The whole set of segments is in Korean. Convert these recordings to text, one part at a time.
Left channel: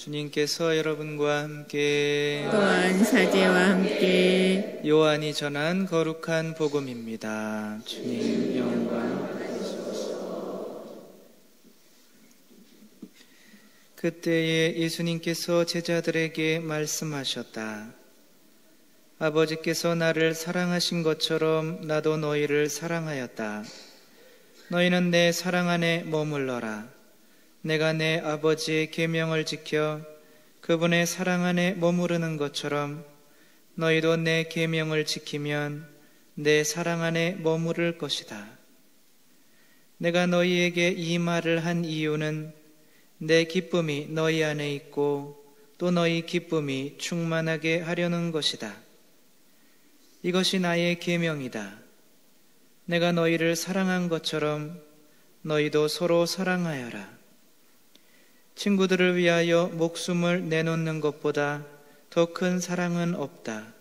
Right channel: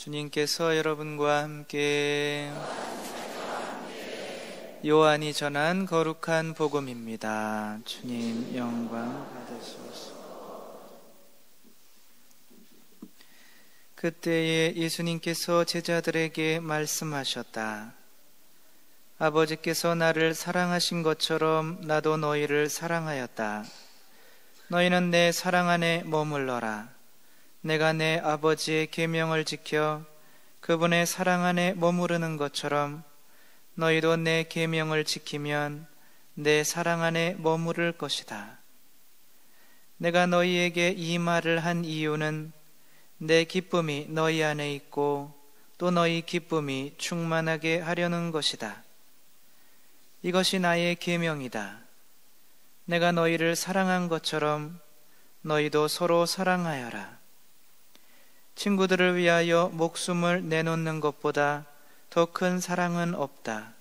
주님께서 여러분과 함께 또한 사제와 함께 요한이 전한 거룩한 복음입니다. 주님 영광 받으소서. 그때에 예수님께서 제자들에게 말씀하셨다. 아버지께서 나를 사랑하신 것처럼 나도 너희를 사랑하였다. 너희는 내 사랑 안에 머물러라. 내가 내 아버지의 계명을 지켜 그분의 사랑 안에 머무르는 것처럼 너희도 내 계명을 지키면 내 사랑 안에 머무를 것이다. 내가 너희에게 이 말을 한 이유는 내 기쁨이 너희 안에 있고 또 너희 기쁨이 충만하게 하려는 것이다. 이것이 나의 계명이다. 내가 너희를 사랑한 것처럼 너희도 서로 사랑하여라. 친구들을 위하여 목숨을 내놓는 것보다 더 큰 사랑은 없다.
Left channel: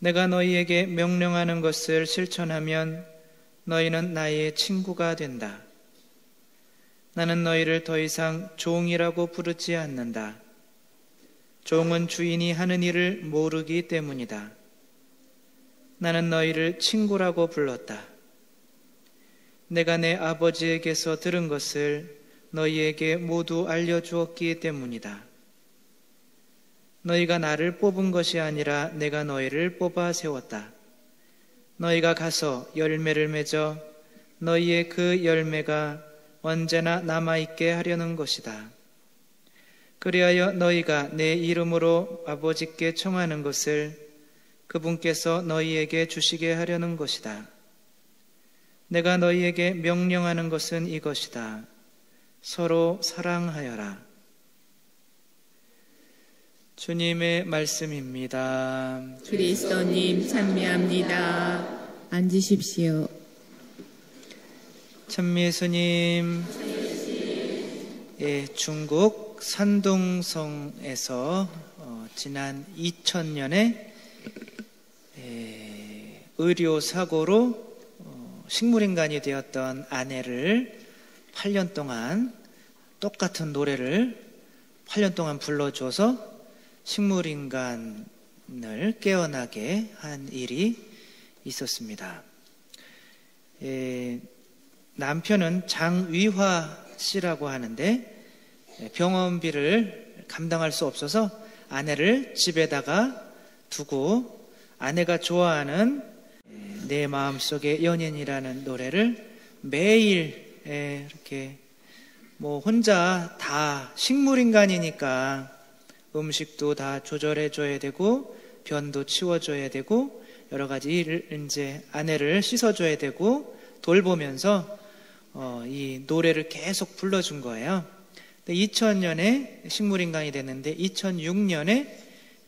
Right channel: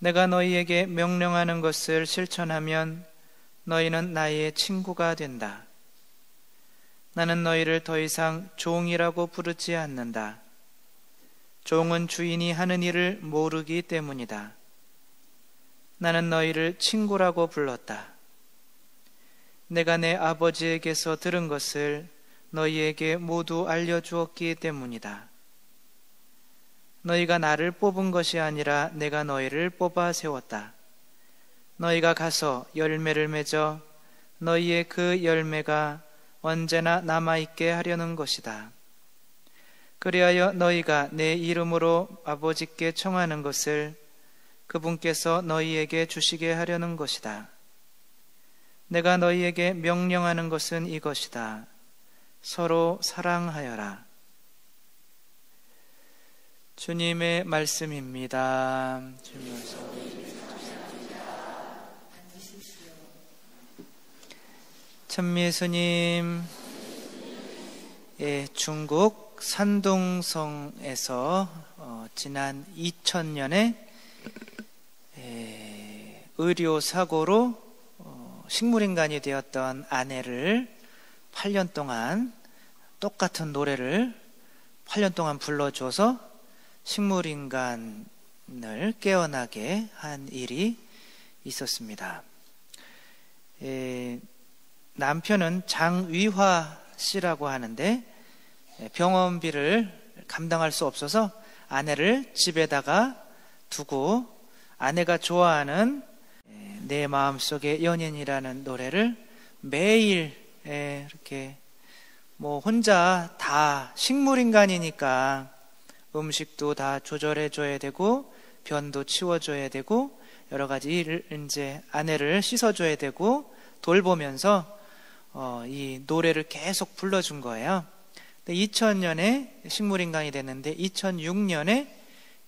내가 너희에게 명령하는 것을 실천하면 너희는 나의 친구가 된다. 나는 너희를 더 이상 종이라고 부르지 않는다. 종은 주인이 하는 일을 모르기 때문이다. 나는 너희를 친구라고 불렀다. 내가 내 아버지에게서 들은 것을 너희에게 모두 알려주었기 때문이다. 너희가 나를 뽑은 것이 아니라 내가 너희를 뽑아 세웠다. 너희가 가서 열매를 맺어 너희의 그 열매가 언제나 남아있게 하려는 것이다. 그리하여 너희가 내 이름으로 아버지께 청하는 것을 그분께서 너희에게 주시게 하려는 것이다. 내가 너희에게 명령하는 것은 이것이다. 서로 사랑하여라. 주님의 말씀입니다. 그리스도님 찬미합니다. 앉으십시오. 천미예수님, 중국 산동성에서 지난 2000년에 의료사고로 식물인간이 되었던 아내를 8년 동안 똑같은 노래를 8년 동안 불러줘서 식물인간을 깨어나게 한 일이 있었습니다. 남편은 장위화 씨라고 하는데 병원비를 감당할 수 없어서 아내를 집에다가 두고 아내가 좋아하는 내 마음속의 연인이라는 노래를 매일 이렇게 혼자 다 식물인간이니까 음식도 다 조절해줘야 되고 변도 치워줘야 되고 여러 가지 일을 이제 아내를 씻어줘야 되고 돌보면서 이 노래를 계속 불러준 거예요. 2000년에 식물인간이 됐는데 2006년에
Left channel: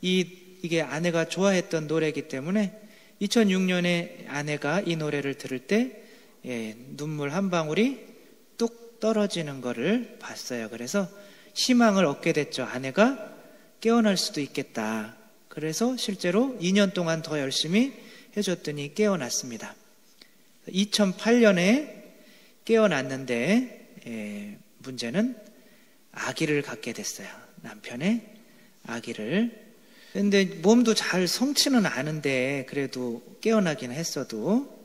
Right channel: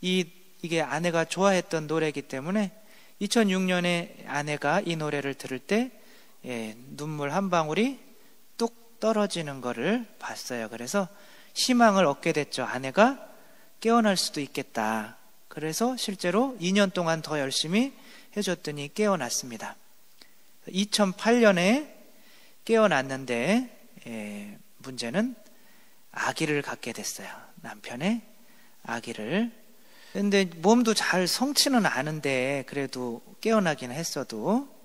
이게 아내가 좋아했던 노래이기 때문에 2006년에 아내가 이 노래를 들을 때 눈물 한 방울이 뚝 떨어지는 것을 봤어요. 그래서 희망을 얻게 됐죠. 아내가 깨어날 수도 있겠다. 그래서 실제로 2년 동안 더 열심히 해줬더니 깨어났습니다. 2008년에 깨어났는데 문제는 아기를 갖게 됐어요. 남편의 아기를. 근데 몸도 잘 성치는 않은데 그래도 깨어나긴 했어도,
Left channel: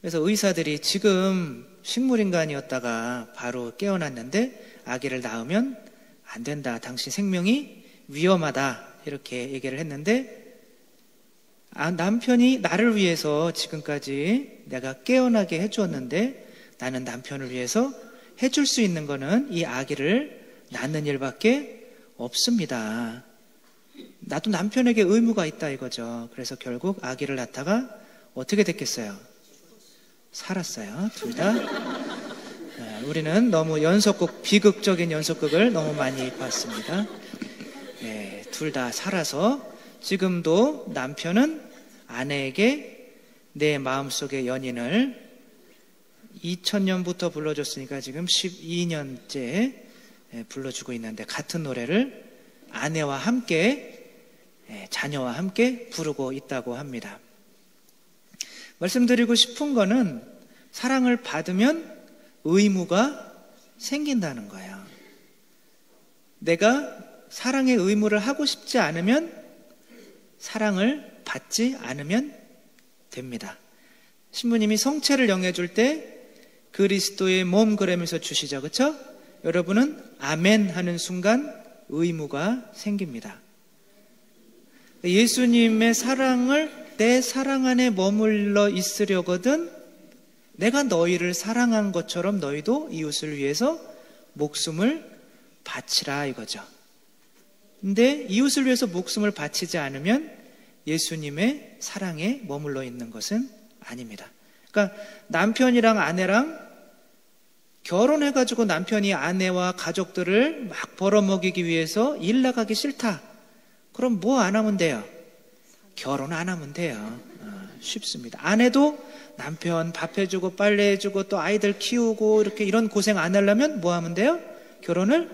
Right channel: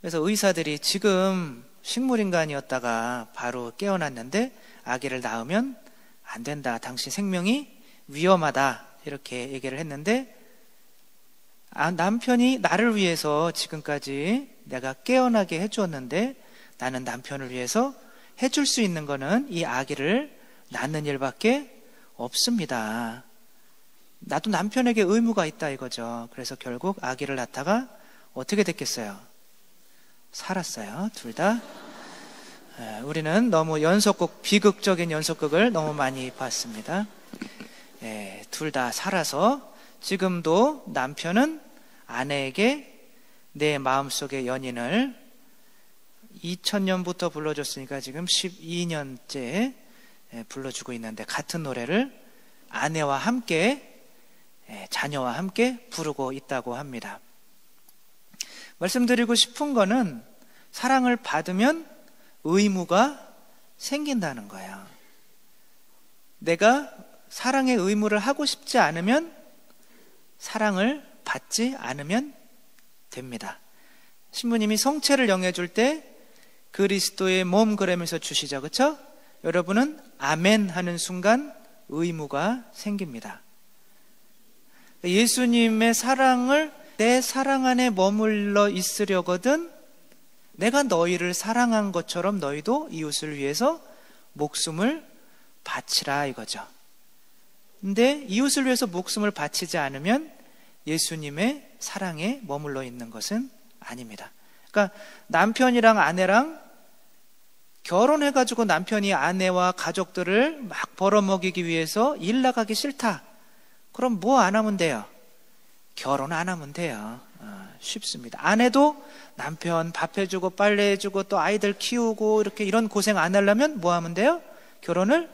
그래서 의사들이 지금 식물인간이었다가 바로 깨어났는데 아기를 낳으면 안 된다. 당신 생명이 위험하다. 이렇게 얘기를 했는데 남편이 나를 위해서 지금까지 내가 깨어나게 해주었는데 나는 남편을 위해서 해줄 수 있는 거는 이 아기를 낳는 일밖에 없습니다. 나도 남편에게 의무가 있다 이거죠. 그래서 결국 아기를 낳다가 어떻게 됐겠어요? 살았어요. 둘 다. 우리는 너무 연속극, 비극적인 연속극을 너무 많이 봤습니다. 둘 다 살아서 지금도 남편은 아내에게 내 마음속의 연인을 2000년부터 불러줬으니까 지금 12년째 불러주고 있는데 같은 노래를 아내와 함께 자녀와 함께 부르고 있다고 합니다. 말씀드리고 싶은 거는 사랑을 받으면 의무가 생긴다는 거예요. 내가 사랑의 의무를 하고 싶지 않으면 사랑을 받지 않으면 됩니다. 신부님이 성체를 영해줄 때 그리스도의 몸 그러면서 주시죠. 그렇죠? 여러분은 아멘 하는 순간 의무가 생깁니다. 예수님의 사랑을 내 사랑 안에 머물러 있으려거든 내가 너희를 사랑한 것처럼 너희도 이웃을 위해서 목숨을 바치라 이거죠. 근데 이웃을 위해서 목숨을 바치지 않으면 예수님의 사랑에 머물러 있는 것은 아닙니다. 그러니까 남편이랑 아내랑 결혼해가지고 남편이 아내와 가족들을 막 벌어먹이기 위해서 일 나가기 싫다. 그럼 뭐 안 하면 돼요? 결혼 안 하면 돼요. 쉽습니다. 아내도 남편 밥 해주고 빨래 해주고 또 아이들 키우고 이렇게 이런 고생 안 하려면 뭐 하면 돼요? 결혼을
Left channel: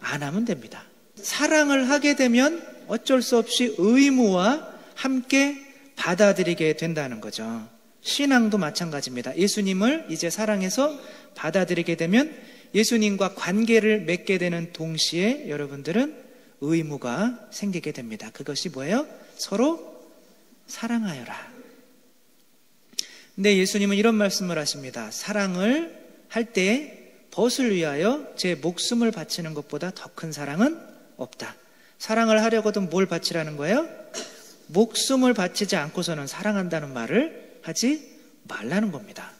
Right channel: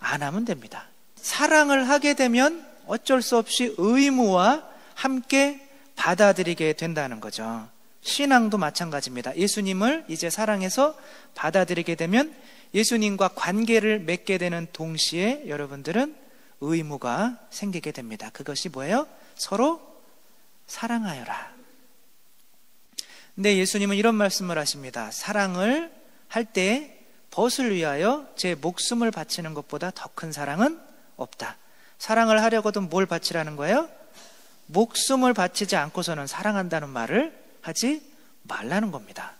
안 하면 됩니다. 사랑을 하게 되면 어쩔 수 없이 의무와 함께 받아들이게 된다는 거죠. 신앙도 마찬가지입니다. 예수님을 이제 사랑해서 받아들이게 되면 예수님과 관계를 맺게 되는 동시에 여러분들은 의무가 생기게 됩니다. 그것이 뭐예요? 서로 사랑하여라. 근데 예수님은 이런 말씀을 하십니다. 사랑을 할 때 벗을 위하여 제 목숨을 바치는 것보다 더 큰 사랑은 없다. 사랑을 하려거든 뭘 바치라는 거예요? 목숨을 바치지 않고서는 사랑한다는 말을 하지 말라는 겁니다.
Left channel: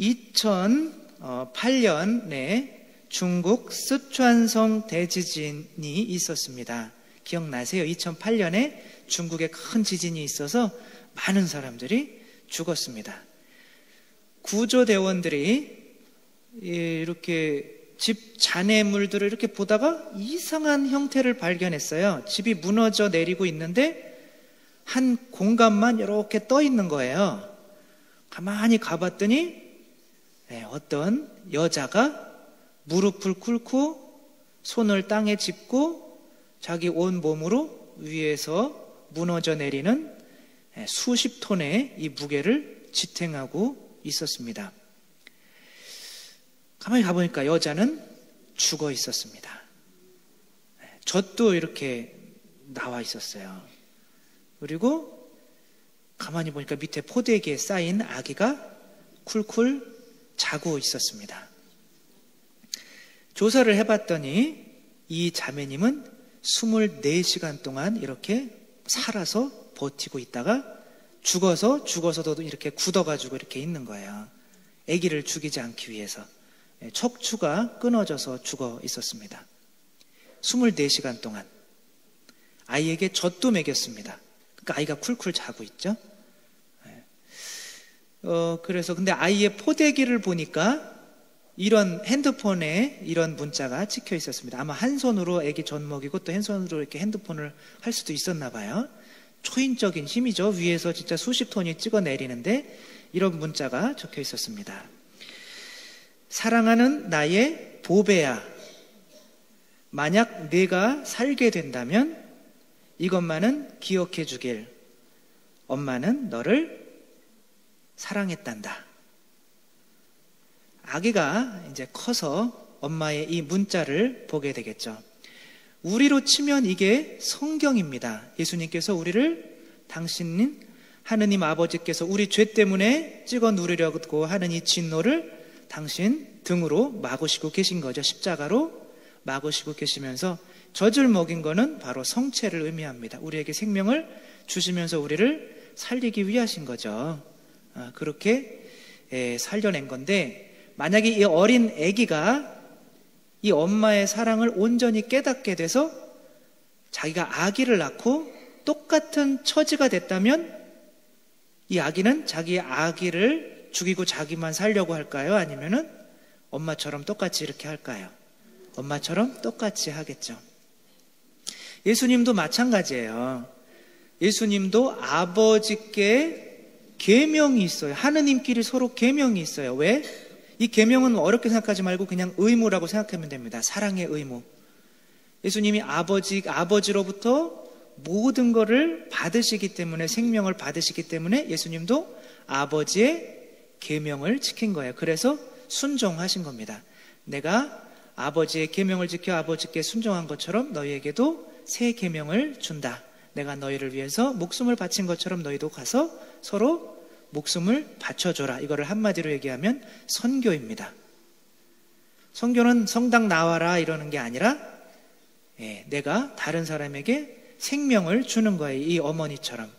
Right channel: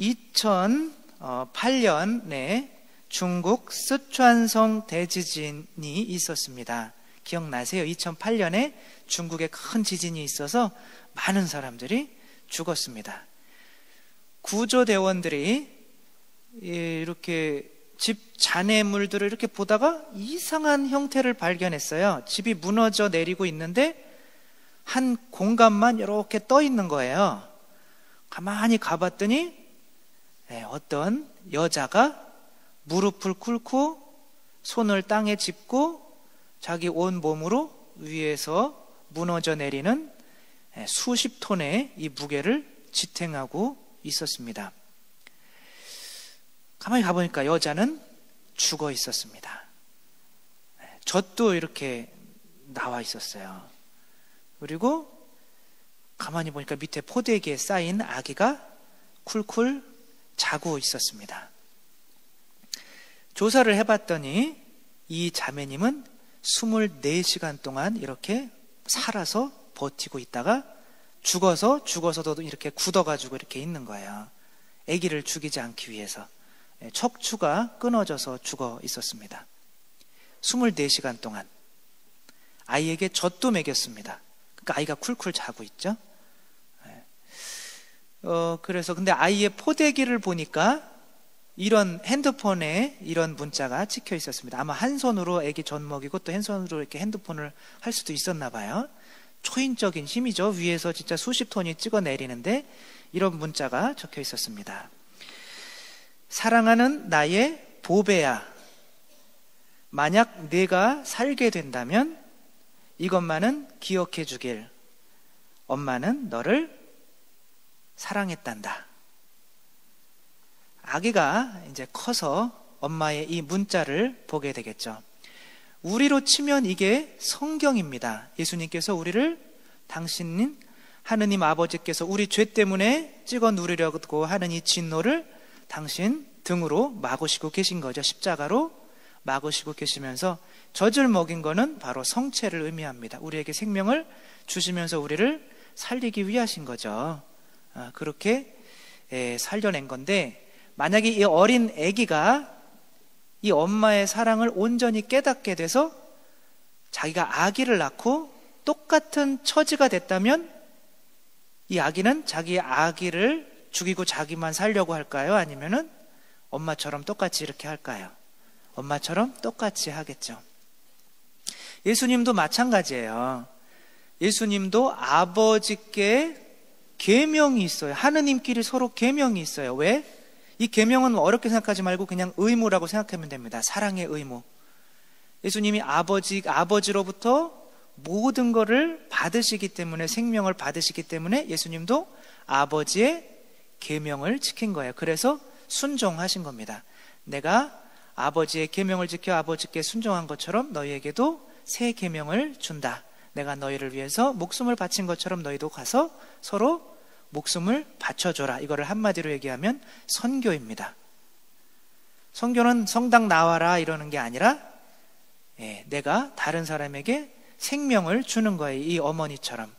2008년에 중국 쓰촨성 대지진이 있었습니다. 기억나세요? 2008년에 중국에 큰 지진이 있어서 많은 사람들이 죽었습니다. 구조대원들이 이렇게 집 잔해물들을 이렇게 보다가 이상한 형태를 발견했어요. 집이 무너져 내리고 있는데 한 공간만 이렇게 떠 있는 거예요. 가만히 가봤더니 어떤 여자가 무릎을 꿇고 손을 땅에 짚고 자기 온 몸으로 위에서 무너져 내리는 수십 톤의 이 무게를 지탱하고 있었습니다. 가만히 가보니까 여자는 죽어 있었습니다. 젖도 이렇게 나와 있었어요. 그리고 가만히 보니까 밑에 포대기에 쌓인 아기가 쿨쿨 자고 있었습니다. 조사를 해봤더니 이 자매님은 24시간 동안 이렇게 살아서 버티고 있다가 죽어서도 이렇게 굳어가지고 이렇게 있는 거예요. 아기를 죽이지 않기 위해서. 척추가 끊어져서 죽어 있었습니다. 24시간 동안. 아이에게 젖도 먹였습니다. 그러니까 아이가 쿨쿨 자고 있죠. 그래서 근데 아이의 포대기를 보니까 이런 핸드폰에 이런 문자가 찍혀 있었습니다. 아마 한 손으로 아기 젖 먹이고 또 한 손으로 이렇게 핸드폰을 할 수도 있었나 봐요. 초인적인 힘이죠. 위에서 진짜 수십 톤이 찍어 내리는데 이런 문자가 적혀 있었습니다. 사랑하는 나의 보배야. 만약 네가 살게 된다면 이것만은 기억해 주길. 엄마는 너를 사랑했단다. 아기가 이제 커서 엄마의 이 문자를 보게 되겠죠. 우리로 치면 이게 성경입니다. 예수님께서 우리를 당신 하느님 아버지께서 우리 죄 때문에 찍어 누르려고 하는 이 진노를 당신 등으로 막으시고 계신 거죠. 십자가로 막으시고 계시면서 젖을 먹인 거는 바로 성체를 의미합니다. 우리에게 생명을 주시면서 우리를 살리기 위하신 거죠. 그렇게 살려낸 건데 만약에 이 어린 아기가 이 엄마의 사랑을 온전히 깨닫게 돼서 자기가 아기를 낳고 똑같은 처지가 됐다면 이 아기는 자기 아기를 죽이고 자기만 살려고 할까요? 아니면은 엄마처럼 똑같이 이렇게 할까요? 엄마처럼 똑같이 하겠죠. 예수님도 마찬가지예요. 예수님도 아버지께 계명이 있어요. 하느님끼리 서로 계명이 있어요. 왜? 이 계명은 어렵게 생각하지 말고 그냥 의무라고 생각하면 됩니다. 사랑의 의무. 예수님이 아버지로부터 모든 것을 받으시기 때문에 생명을 받으시기 때문에 예수님도 아버지의 계명을 지킨 거예요. 그래서 순종하신 겁니다. 내가 아버지의 계명을 지켜 아버지께 순종한 것처럼 너희에게도 새 계명을 준다. 내가 너희를 위해서 목숨을 바친 것처럼 너희도 가서 서로 목숨을 바쳐줘라. 이거를 한마디로 얘기하면 선교입니다. 선교는 성당 나와라 이러는 게 아니라 내가 다른 사람에게 생명을 주는 거예요. 이 어머니처럼.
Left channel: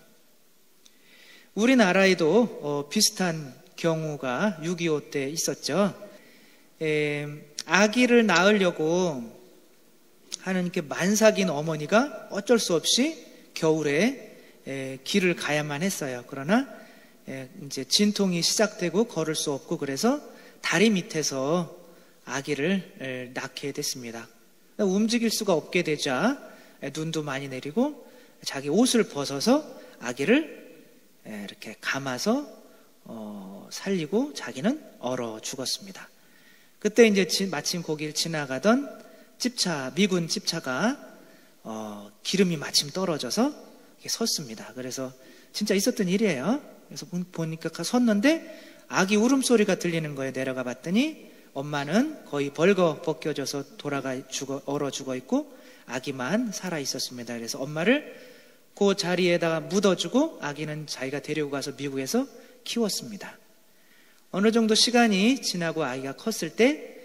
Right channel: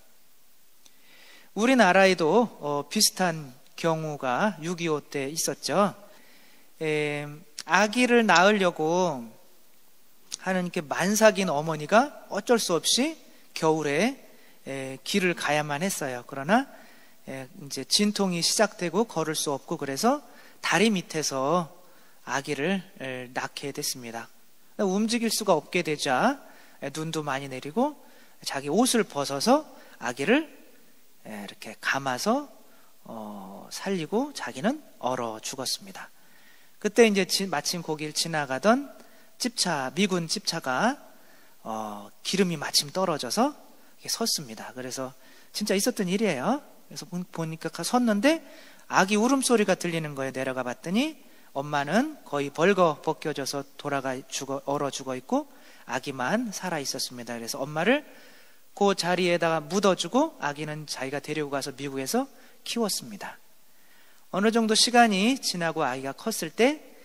우리나라에도 비슷한 경우가 6.25 때 있었죠. 아기를 낳으려고 하는 이렇게 만삭인 어머니가 어쩔 수 없이 겨울에 길을 가야만 했어요. 그러나 이제 진통이 시작되고 걸을 수 없고 그래서 다리 밑에서 아기를 낳게 됐습니다. 움직일 수가 없게 되자 눈도 많이 내리고 자기 옷을 벗어서 아기를 이렇게 감아서 살리고 자기는 얼어 죽었습니다. 그때 이제 마침 거길 지나가던 미군 찝차가 기름이 마침 떨어져서 섰습니다. 그래서 진짜 있었던 일이에요. 그래서 보니까 섰는데 아기 울음소리가 들리는 거예요. 내려가 봤더니 엄마는 거의 벌거 벗겨져서 얼어 죽어 있고 아기만 살아 있었습니다. 그래서 엄마를 그 자리에다가 묻어주고 아기는 자기가 데리고 가서 미국에서 키웠습니다. 어느 정도 시간이 지나고 아기가 컸을 때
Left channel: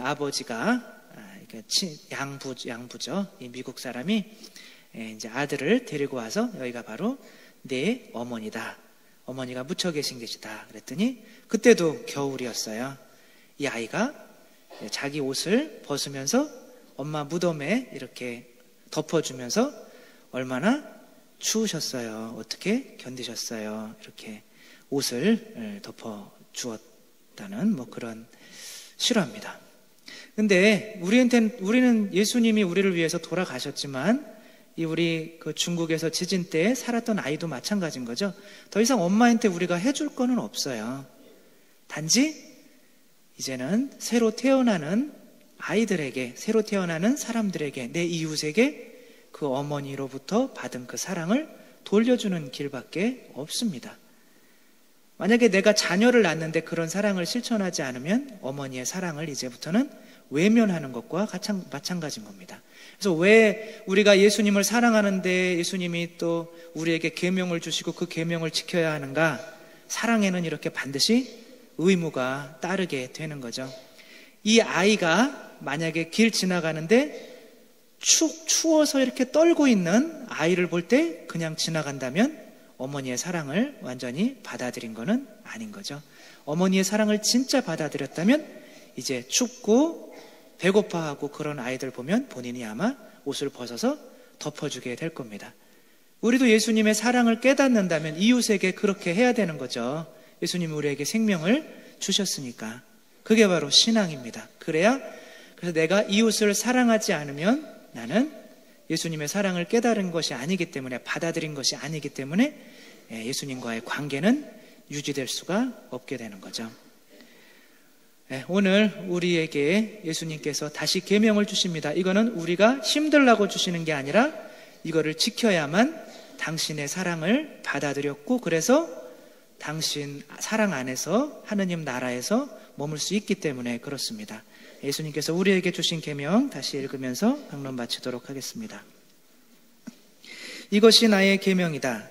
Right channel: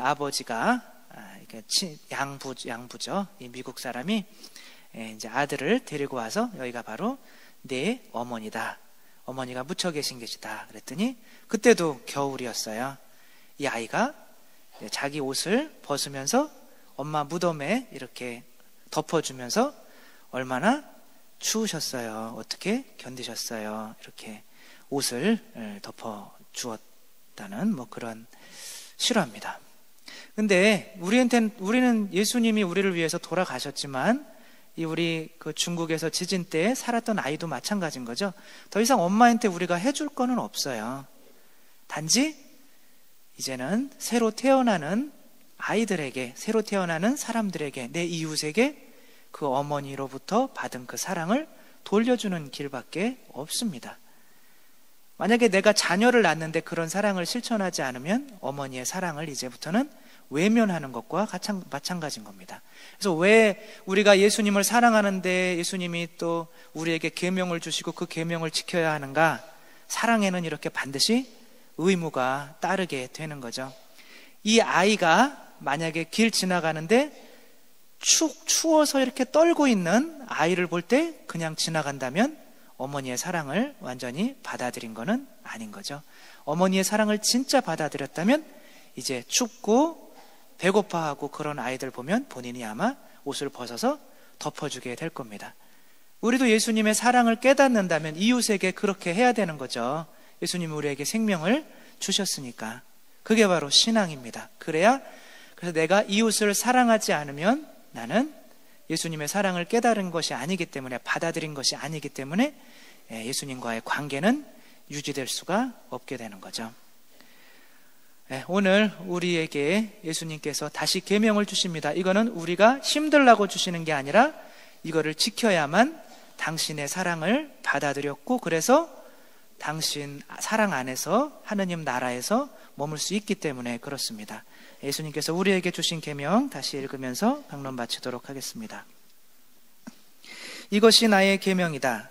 아버지가 양부죠. 이 미국 사람이 이제 아들을 데리고 와서 여기가 바로 내 어머니다. 어머니가 묻혀 계신 곳이다. 그랬더니 그때도 겨울이었어요. 이 아이가 자기 옷을 벗으면서 엄마 무덤에 이렇게 덮어주면서 얼마나 추우셨어요. 어떻게 견디셨어요. 이렇게 옷을 덮어주었다는 그런 실화입니다. 근데 우리는 예수님이 우리를 위해서 돌아가셨지만 우리 그 중국에서 지진 때 살았던 아이도 마찬가지인 거죠. 더 이상 엄마한테 우리가 해줄 거는 없어요. 단지 이제는 새로 태어나는 아이들에게, 새로 태어나는 사람들에게, 내 이웃에게 그 어머니로부터 받은 그 사랑을 돌려주는 길밖에 없습니다. 만약에 내가 자녀를 낳는데 그런 사랑을 실천하지 않으면 어머니의 사랑을 이제부터는 외면하는 것과 마찬가지인 겁니다. 그래서 왜 우리가 예수님을 사랑하는데 예수님이 또 우리에게 계명을 주시고 그 계명을 지켜야 하는가? 사랑에는 이렇게 반드시 의무가 따르게 되는 거죠. 이 아이가 만약에 길 지나가는데 추워서 이렇게 떨고 있는 아이를 볼 때 그냥 지나간다면 어머니의 사랑을 완전히 받아들인 거는 아닌 거죠. 어머니의 사랑을 진짜 받아들였다면 이제 춥고 배고파하고 그런 아이들 보면 본인이 아마 옷을 벗어서 덮어주게 될 겁니다. 우리도 예수님의 사랑을 깨닫는다면 이웃에게 그렇게 해야 되는 거죠. 예수님이 우리에게 생명을 주셨으니까. 그게 바로 신앙입니다. 그래서 내가 이웃을 사랑하지 않으면 나는 예수님의 사랑을 깨달은 것이 아니기 때문에, 받아들인 것이 아니기 때문에 예수님과의 관계는 유지될 수가 없게 되는 거죠. 오늘 우리에게 예수님께서 다시 계명을 주십니다. 이거는 우리가 힘들라고 주시는 게 아니라 이거를 지켜야만 당신의 사랑을 받아들였고 그래서 당신 사랑 안에서 하느님 나라에서 머물 수 있기 때문에 그렇습니다. 예수님께서 우리에게 주신 계명 다시 읽으면서 방론 마치도록 하겠습니다. 이것이 나의 계명이다.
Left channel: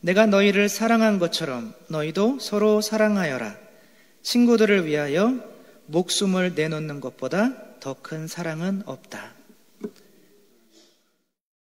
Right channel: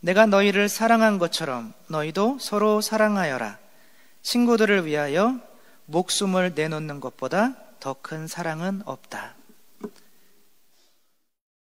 내가 너희를 사랑한 것처럼 너희도 서로 사랑하여라. 친구들을 위하여 목숨을 내놓는 것보다 더 큰 사랑은 없다.